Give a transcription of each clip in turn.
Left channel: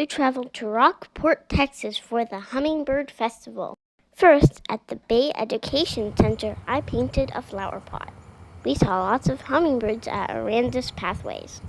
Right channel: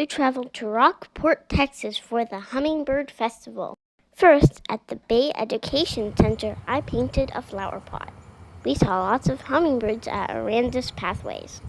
We traveled to Rockport, Texas for the Hummingbird Festival. First, at the Bay Education Center, I painted a flower pot. We saw lots of hummingbirds at Arandis Pathways.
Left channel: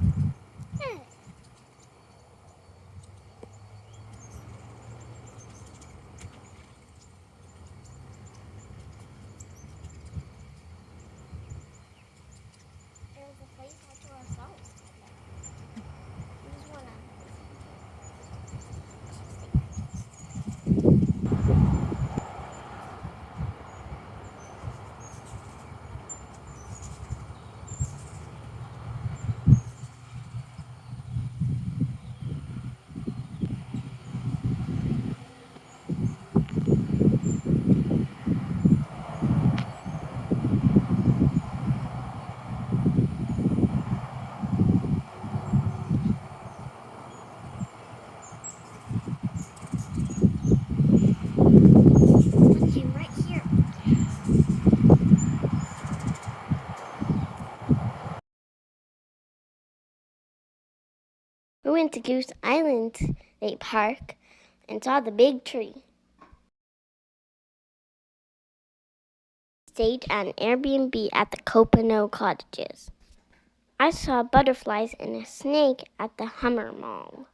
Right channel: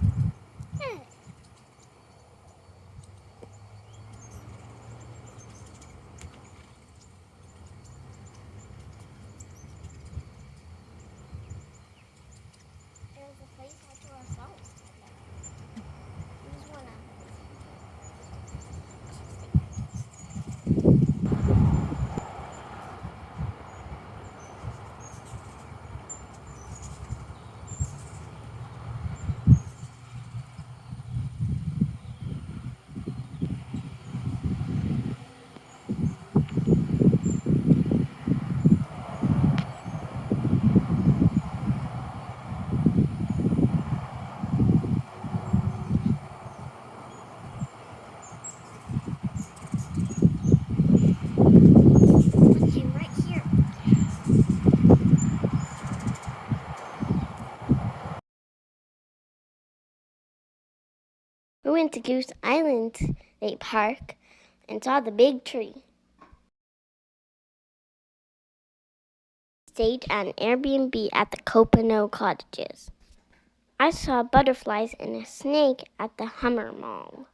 We went to Goose Island State Park and saw the big tree. Stayed at an Airbnb at the Copano Cottages. I saw butterflies and a snake at the Hummer Mall.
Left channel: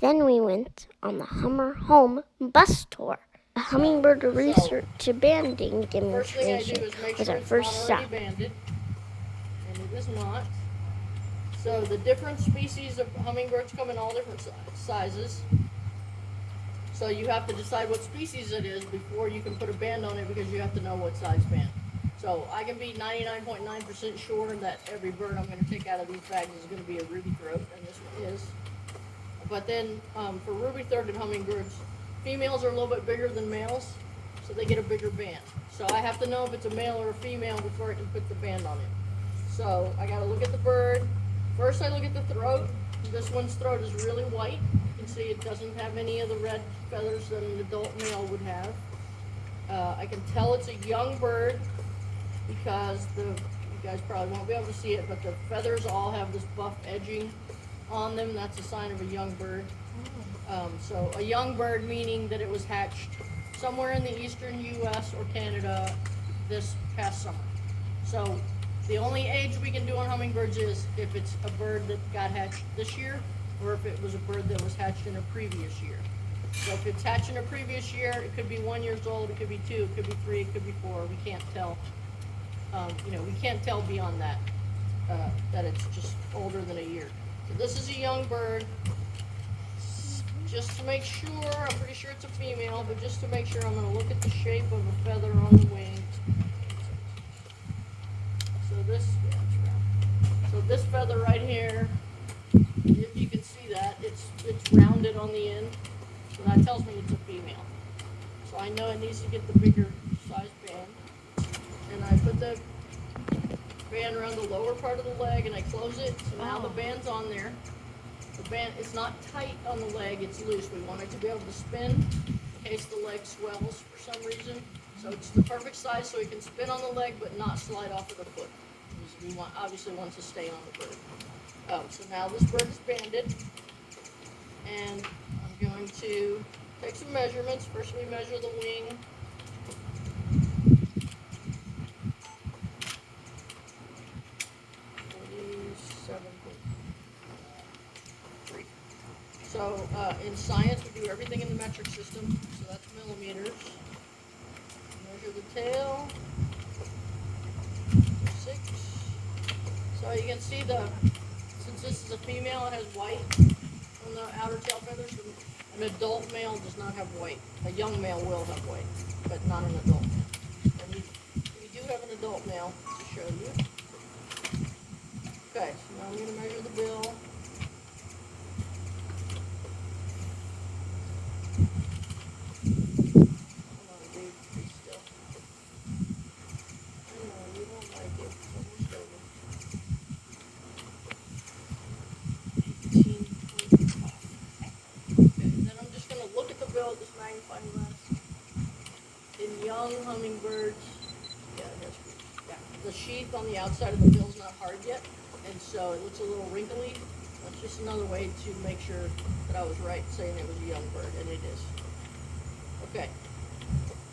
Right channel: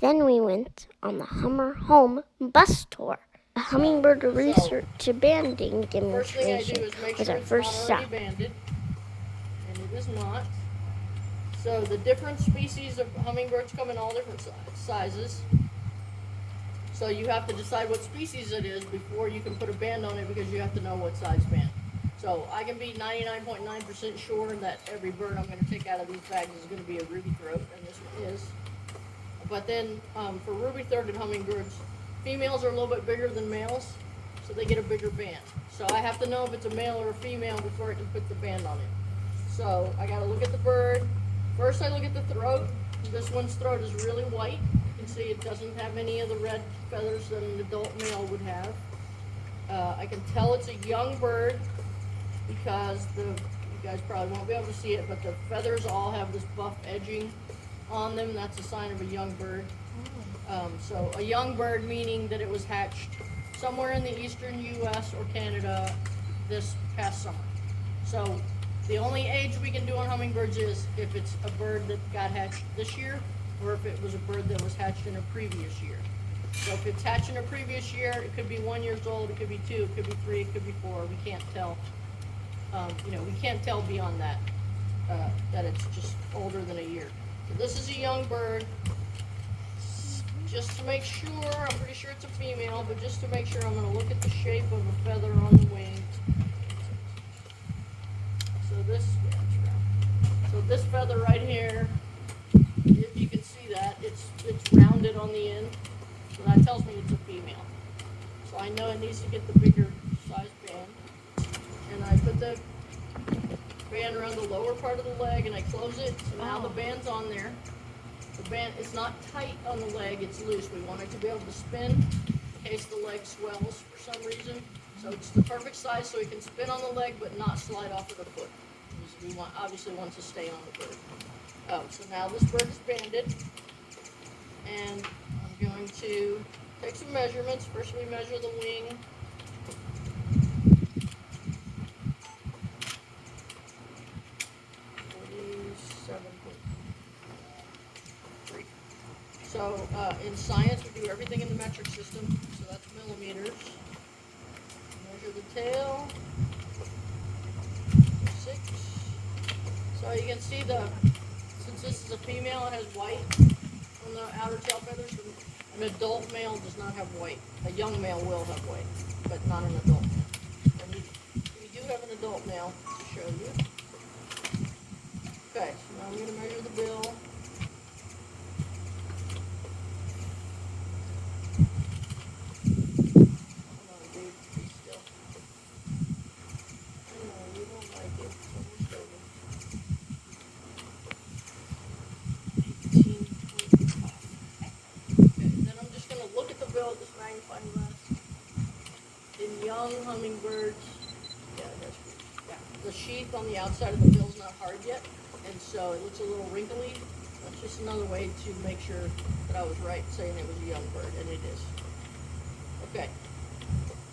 Then we went on the Hummer Home bus tour. The Hummingbird research banding demonstration was our first stop. Banded, and it is not. So the different species of hummingbirds come in all different sizes. So you have to decide what species it is before you can put a band on it, because you have to know what size band. So I can be 99.9% sure that every bird I'm going to take out of these bags is going to be a ruby throat, and this one is. But then for ruby-throated hummingbirds, females are a little bit bigger than males, so they get a bigger band. So I have to know if it's a male or a female before I can put the band on it. So I got to look at the bird. First I look at the throat. This one's throat is really white. You can see it doesn't have any of the red feathers that an adult male would have. I can tell it's a young bird because you guys probably won't be able to see it, but the feathers all have this buff edging on them. That's a sign of a young bird. So a young bird meaning that it was hatched somewhere in the eastern U.S. or Canada this past summer. So the only age we can do on hummingbirds is if it's a bird that got hatched this year, or if it was a bird that was hatched in a previous year. So if it's hatched in a previous year, it could be 1 year old, it could be 2, it could be 3, it could be 4. We can't tell. We can't tell beyond that, that it's just older than a year. So this is a young bird. Just to make sure, I'm pretty sure it's a female, but just to make sure, I'm going to look at the shape of a feather on the wings. So this feather right here, if you can see that, it's rounded on the end. So that tells me it's a female. So I know it needs to get the bigger size band. And I put the band around the lower part of the leg and I close it. So now the band's on there. The band is not tight on the leg, it's loose. We want it to be able to spin in case the leg swells for some reason. So it's the perfect size so it can spin on the leg but not slide off of the foot. We obviously want to stay on the bird. So now this bird is banded, and I'm going to take some measurements. First we measure the wing. So in science we do everything in the metric system, so that's millimeters. Measure the tail. 6. So you can see since this is a female, it has white on the outer tail feathers. An adult male does not have white. A young male will have white, but not an adult male. And we do have an adult male to show you. Okay, so now I'm going to measure the bill. In young hummingbirds, the sheath on the outside of the bill is not hard yet, and so it looks a little wrinkly. That's just another way to make sure that I was right saying it was a young bird, and it is. Okay.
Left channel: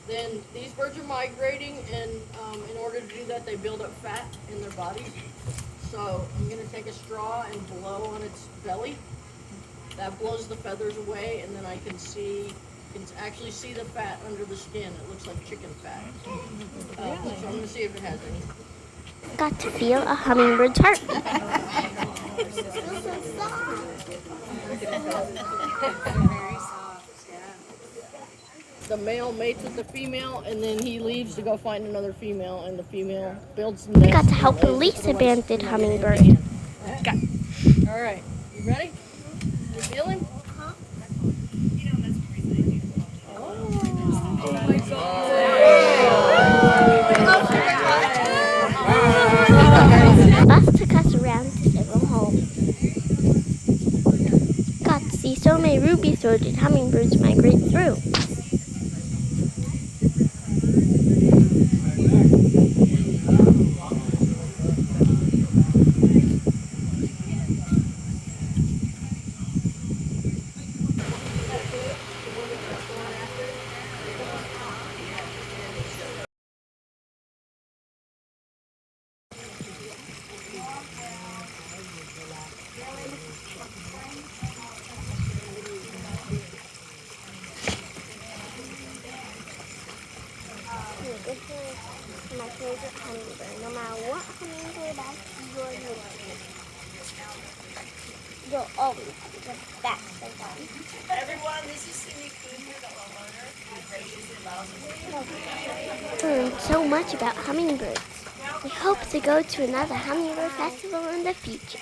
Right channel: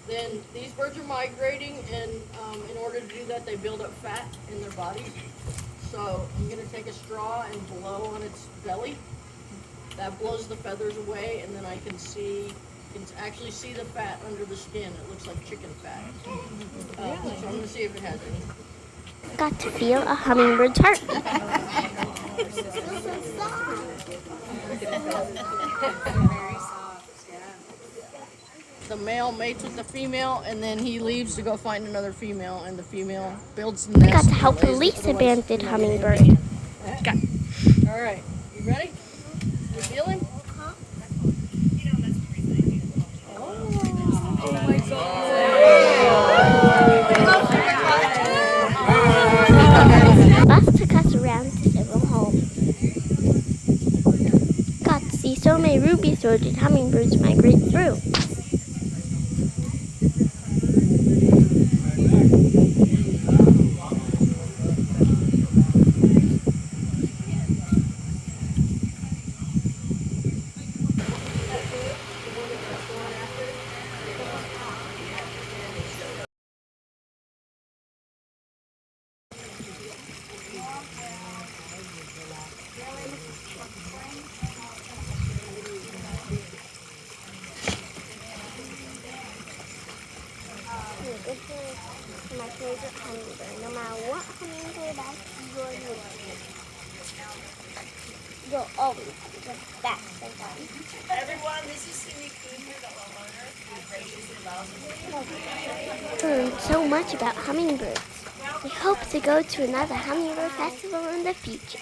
Then these birds are migrating, and in order to do that, they build up fat in their bodies. So I'm going to take a straw and blow on its belly. That blows the feathers away, and then I can actually see the fat under the skin. It looks like chicken fat. So I'm going to see if it has any. Got to feel a hummingbird's heartbeat. The male mates with the female, and then he leaves to go find another female, and the female builds the nest. Got to help release a banded hummingbird. Okay. All right. You ready? You feel him? Bus took us around to several homes. Got to see so many ruby-throated hummingbirds migrate through. This is my favorite hummingbird. No matter what hummingbird I see you're with, you'll always be the best of them. Everyone, this is Cindy Coon here, the homeowner. Learned so much about hummingbirds. We hope to go to another Hummingbird Festival in the future.